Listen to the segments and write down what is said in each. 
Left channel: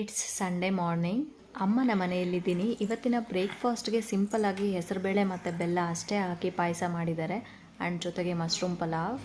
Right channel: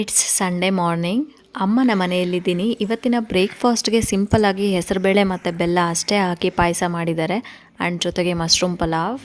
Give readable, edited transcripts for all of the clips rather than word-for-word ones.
It's Sunday morning. ಅಮ್ಮನ ಮನೆಯಲ್ಲಿದ್ದೀನಿ. ಇವತ್ತಿನ ಬ್ರೇಕ್ಫಾಸ್ಟ್ಗೆ ಸಿಂಪಲ್ಲಾಗಿ ಹೆಸರುಬೇಳೆ ಮತ್ತು ಬೆಲ್ಲ ಅಷ್ಟೇ ಹಾಕಿ ಪಾಯಸ ಮಾಡಿದ್ದಾರೆ ಆ್ಯಂಡ್ ಜೊತೆಗೆ ಮಶ್ರೂಮ್ ಪಲಾವ್.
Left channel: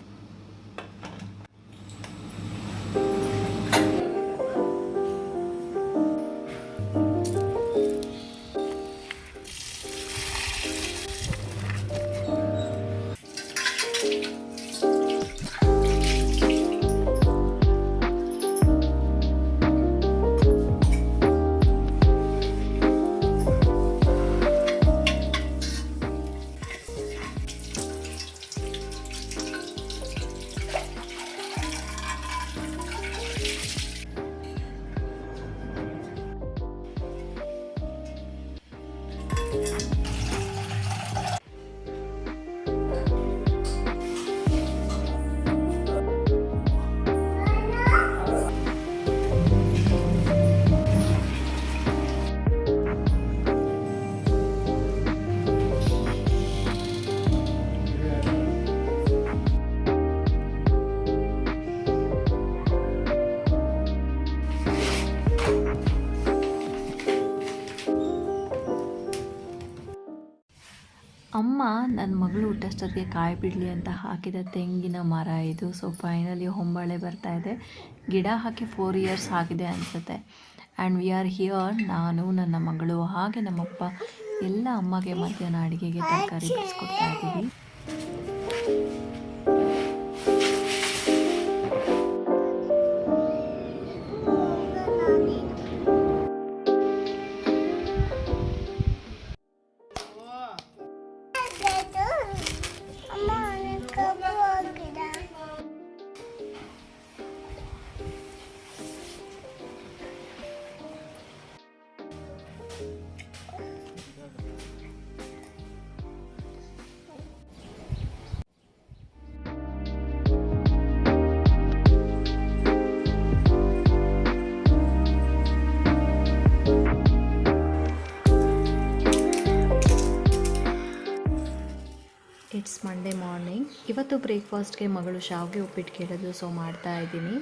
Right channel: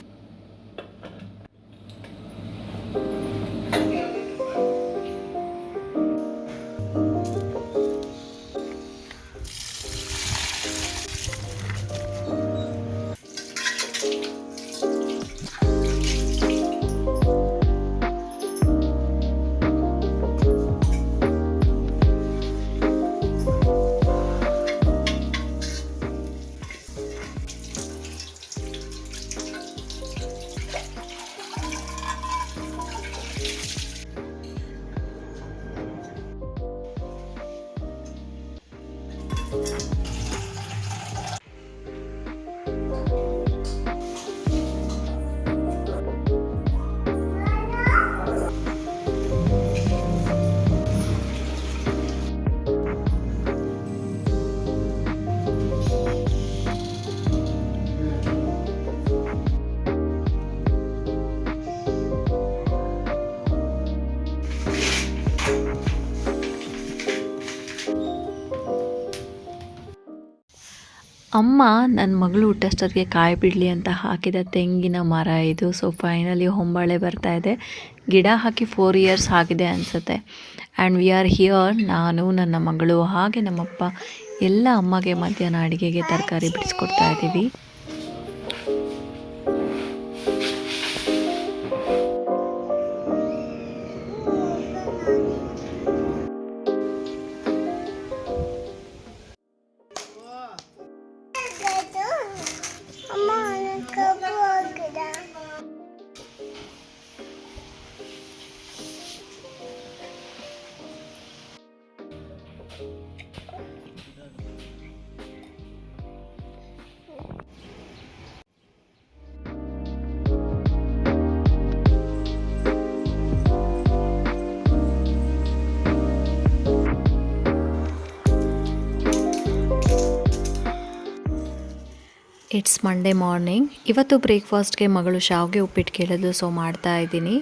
ಅಮ್ಮ ನನ್ನ ಮಗಳು ಹುಟ್ಟಷ್ಟೊತ್ತಿಗೆ ಕಾಯಿ ಬಿಡಲಿ ಅಂತ ಹಾಕಿದ ತೆಂಗಿನ ಮರ ಇದು. ಸೊ ಫೈನಲಿ ಹೊಂಬಾಳೆ ಬರ್ತಾ ಇದೆ. ಗಿಡ ಹಾಕಿ 4 ಇಯರ್ಸ್ ಆಗಿದೆ ಅನಿಸುತ್ತೆ. ಆ್ಯಂಡ್ ವಿ ಆರ್ ಹಿಯರ್, ನಾನು, ನನ್ನ ಮಗಳು ಹಾಗೆ ನಮ್ಮಪ್ಪ ಎಲ್ಲ ಅಮ್ಮಗೆ ಮಧ್ಯಾಹ್ನ ಅಡುಗೆಗೆ ತರಕಾರಿ ಬಿಡಿಸ್ಕೊಡ್ತಾ ಇದ್ದೀವಿ. It's Monday morning. ಇವತ್ತು ಬ್ರೇಕ್ಫಾಸ್ಟ್ಗೆ ಮಗಳು ಶಾವಿಗೆ ಉಪ್ಪಿಟ್ಟು ಕೇಳಿದ್ಲು, ಸೊ ಮಾಡ್ತಾ ಇದ್ದೀನಿ.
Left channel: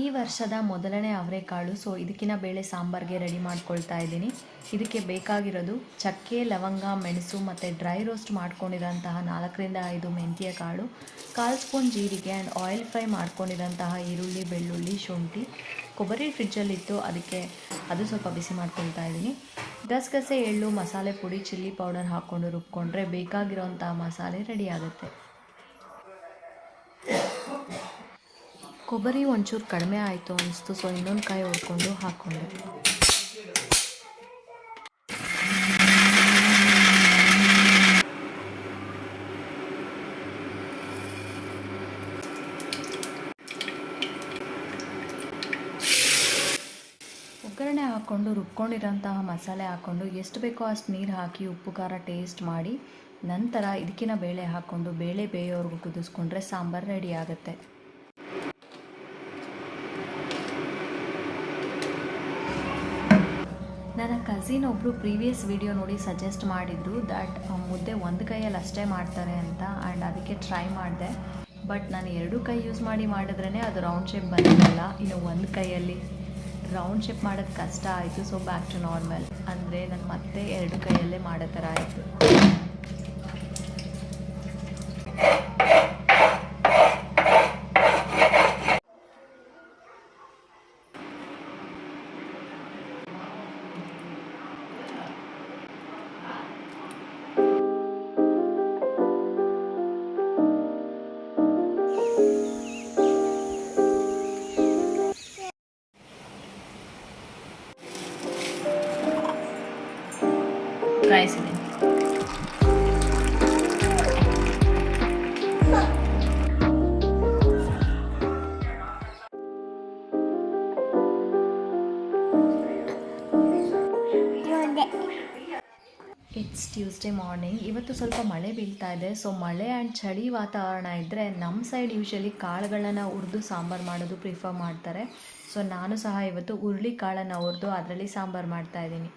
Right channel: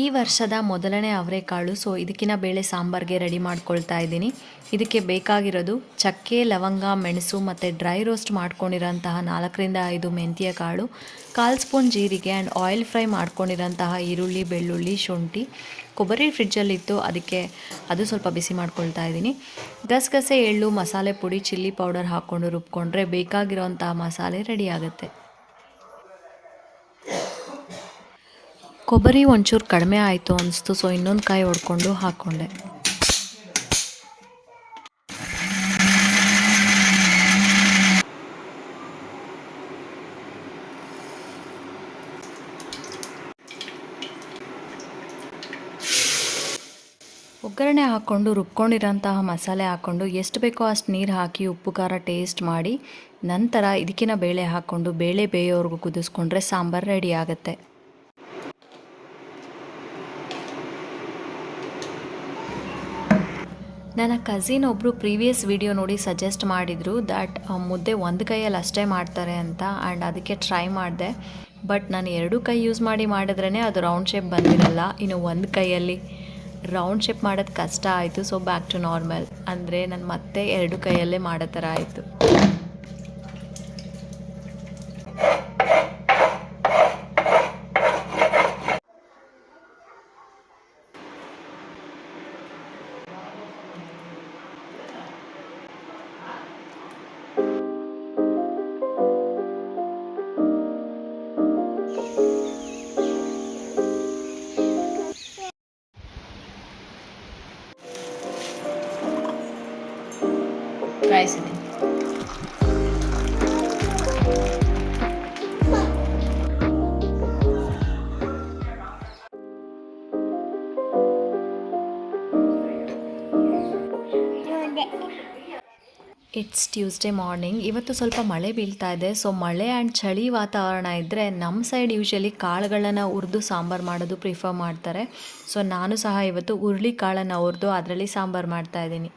ಈ ವರ್ಷದ ಮೊದಲನೇ ಅವರೆಕಾಳು. ಸೊ ಇದಕ್ಕಿನ ಬೇಳೆ ಸಾಂಬಾರಿಗೆ ರೆಡಿ ಮಾಡ್ಕೊಳ್ತಾ ಇದ್ದೀನಿ. ಇದಕ್ಕೆ ಬೇಕಾಗಿರೋದು ಚಕ್ಕೆ, ಲವಂಗ, ಮೆಣಸು ಮತ್ತು ಡ್ರೈ ರೋಸ್ಟ್ ಮಾಡ್ಕೊಂಡಿರೋಂತಹ 4ರಿಂದ 5 ಮೆಂತ್ಯ ಕಾಳು, 1/4 ಸ್ಪೂನ್ ಜೀರಿಗೆ ಆ್ಯಂಡ್ ಆಯಿಲ್ ಫ್ರೈ ಮಾಡ್ಕೊಂಡಿರೋಂತಹ ಈರುಳ್ಳಿ, ಬೆಳ್ಳುಳ್ಳಿ, ಶುಂಠಿ. ಕೊಬ್ಬರಿ ಫ್ರಿಜ್ಜಲ್ಲಿತ್ತು, ಅದಕ್ಕೆ ಅದು ಸ್ವಲ್ಪ ಬಿಸಿ ಮಾಡ್ಕೊಳ್ತಾ ಇದ್ದೀನಿ. ಗಸಗಸೆ, ಎಳ್ಳು, ಮಸಾಲೆ ಪುಡಿ, ಚಿಲ್ಲಿ ಪೌಡರ್ ಹಾಕ್ಕೊಂಡು ರುಬ್ಕೊಂಡ್ರೆ ಬೇಕಾಗಿರೋಂತಹ ಮಸಾಲೆ ರೆಡಿ ಆಗುತ್ತೆ. ಕೊಬ್ಬರಿ ಒಂಚೂರು ಕಡಿಮೆ ಆಯಿತು ಅನಿಸ್ತು, ಸೊ ಇನ್ನೊಂದು ಕಾಯಿ ಹೊಡ್ಕೊಂಡು ಹಾಕ್ಕೊಂಡೆ. ಒಗ್ಗರಣೆ ಹಾಕ್ಕೊಂಡು ರುಬ್ಕೊಂಡಿರೋಂತಹ ಮಸಾಲೆ ಹಾಕ್ಕೊಂಡು ಎಷ್ಟು ಬೇಕೋ ಅಷ್ಟು ನೀರು ಹಾಕಿ ಉಪ್ಪು ಖಾರ ಟೇಸ್ಟ್ ಮಾಡಿ ನಂತರ ಇದಕ್ಕಿನ ಬೇಳೆ ಹಾಕ್ಕೊಂಡು ಬೇಳೆ ಬೇಯೋವರೆಗೂ ಕುದಿಸ್ಕೊಂಡ್ರೆ ಸಾಂಬಾರು ರೆಡಿ ಆಗುತ್ತೆ. ನನ್ನ ಕಸಿನ್ ಒಬ್ಬರು ಪ್ರೀವಿಯಸ್ ವಿಡಿಯೋ ನೋಡಿ ಸಜೆಸ್ಟ್ ಮಾಡಿದರು ದ್ಯಾಟ್ ಮುದ್ದೆ ಒಂದು ಕೈಯಲ್ಲಿ ಅಷ್ಟೇ ಮಾಡ್ತಾರೆ ಅಂತ. ಆ್ಯಂಡ್ ಅದಕ್ಕೆ ಟ್ರೈ ಮಾಡಿದೆ. ಬಟ್ ನಾನು 2 ಕೈ ಯೂಸ್ ಮಾಡಿದ್ರೇ ಅದು ರೌಂಡ್ ಶೇಪ್ ಬಂದಿರಲ್ಲ. ಇನ್ನು ಒಂದು ಕೈಯಲ್ಲಿ ರೌಂಡ್ ಶೇಪ್ ಮಾಡೋದು ಕಷ್ಟ ಆಯಿತು. ಸೊ ಬ್ಯಾಕ್ ಟು ನಾರ್ಮಲ್, ಅಂದರೆ ನಾನು ಮತ್ತೆ 2 ಕೈಯಲ್ಲೇ ಮಾಡೋ ಥರ ಆಯಿತು. It's Tuesday morning. ಇವತ್ತು ಸ್ವಲ್ಪ ಮಳೆ ಬೀಳ್ತಾ ಇದೆ. ಸೊ ಮಳೆ ಆ್ಯಂಡ್ ಚಳಿ ವಾತಾವರಣ ಇದ್ದರೆ ನಮ್ಮ ಸೈಡ್ ಯೂಶಲಿ ಕಾಳುಗಳನ್ನು ಹುರಿದು ಸಾಂಬಾರು ಮಾಡೋದು ಪ್ರಿಫರ್ ಮಾಡ್ತಾರೆ. ಸೊ ನಾನು ಸಹ ಇವತ್ತು ಹುರುಳಿ ಕಾಳನ್ನು ಹುರಿದು ಅದರಲ್ಲಿ ಸಾಂಬಾರು ಮಾಡ್ತಾಯಿದ್ದೀನಿ.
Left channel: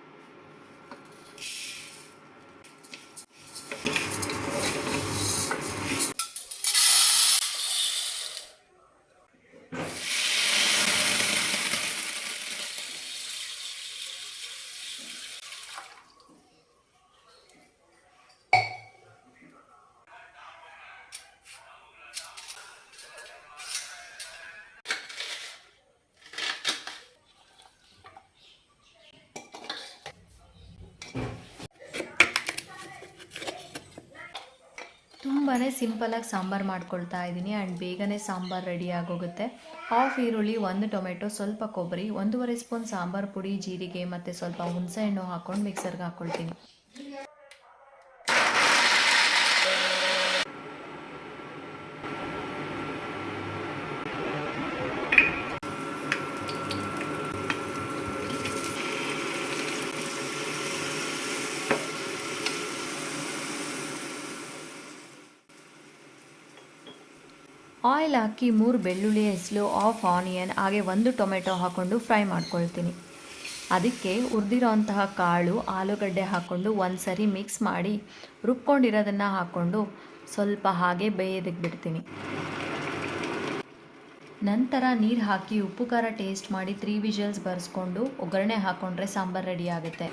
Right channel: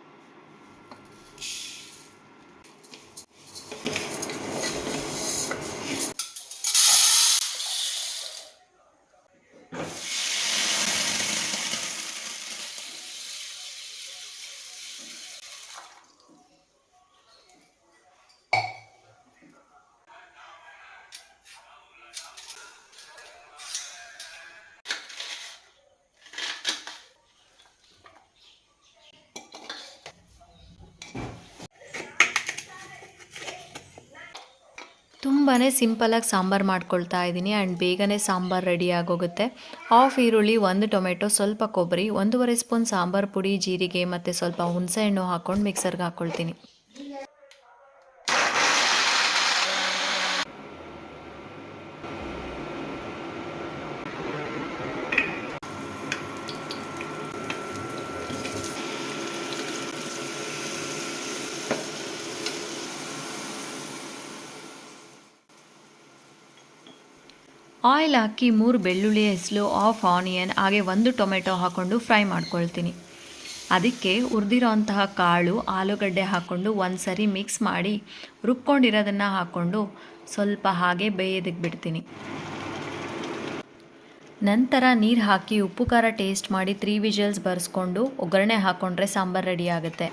ತುಂಬಾ ಸಿಂಪಲಾಗಿ ಸಾಂಬಾರು ಮಾಡ್ಕೊಳ್ತಾ ಇದ್ದೀನಿ ಆ್ಯಂಡ್ ಬೇಗನೆ ಸಾಂಬಾರು ರೆಡಿ ಆಗೋಗುತ್ತೆ. ಹಾಫ್ ಈರುಳ್ಳಿ, 1 ಟೊಮೆಟೊ, ಸ್ವಲ್ಪ ಕೊಬ್ಬರಿ, 1.5 ಸ್ಪೂನ್ ಸಾಂಬಾರು ಪುಡಿ, ಜೀರಿಗೆ ಮತ್ತು ಸ್ವಲ್ಪ ಹುಣಸೆಹಣ್ಣು ಹಾಕ್ಕೊಂಡು ಮಿಕ್ಸರ್ಗೆ ಹಾಕ್ಕೊಳ್ತೀನಿ. ಆಯಿಲ್ ಹಾಕಿ 3 ಬೆಳ್ಳುಳ್ಳಿ ಹೆಸಲು, ಹಾಫ್ ಆನಿಯನ್ ಹಾಗೆ 1 ಟೊಮೆಟೊ ಹಾಕ್ಕೊಂಡು ಫ್ರೈ ಮಾಡ್ಕೊಳ್ತೀನಿ. ಅದಕ್ಕೆ ಹುರಿದಿರೋ ಅಂತಹ ಕಾಳು, ಆಲೂಗಡ್ಡೆ ಹಾಕ್ಕೊಂಡು ಒಂದು ಸರಿ ಮಿಕ್ಸ್ ಮಾಡಿ ರುಬ್ಕೊಂಡಿರೋದನ್ನು ಹಾಕ್ಕೊಂಡು ಸ್ವಲ್ಪ ಹಾಗೆ ಬೇಯೋದಕ್ಕೆ ಬಿಡ್ತೀನಿ. ನಂತರ ನೀರು ಹಾಕಿ ಉಪ್ಪು ಖಾರ ಟೇಸ್ಟ್ ಮಾಡಿ 3 ವಿಷಲ್ಸ್ ಬರೆಸ್ಕೊಂಡು ಒಗ್ಗರಣೆ ಹಾಕ್ಕೊಂಡ್ರೆ ಸಾಂಬಾರು ರೆಡಿ ಆಗುತ್ತೆ.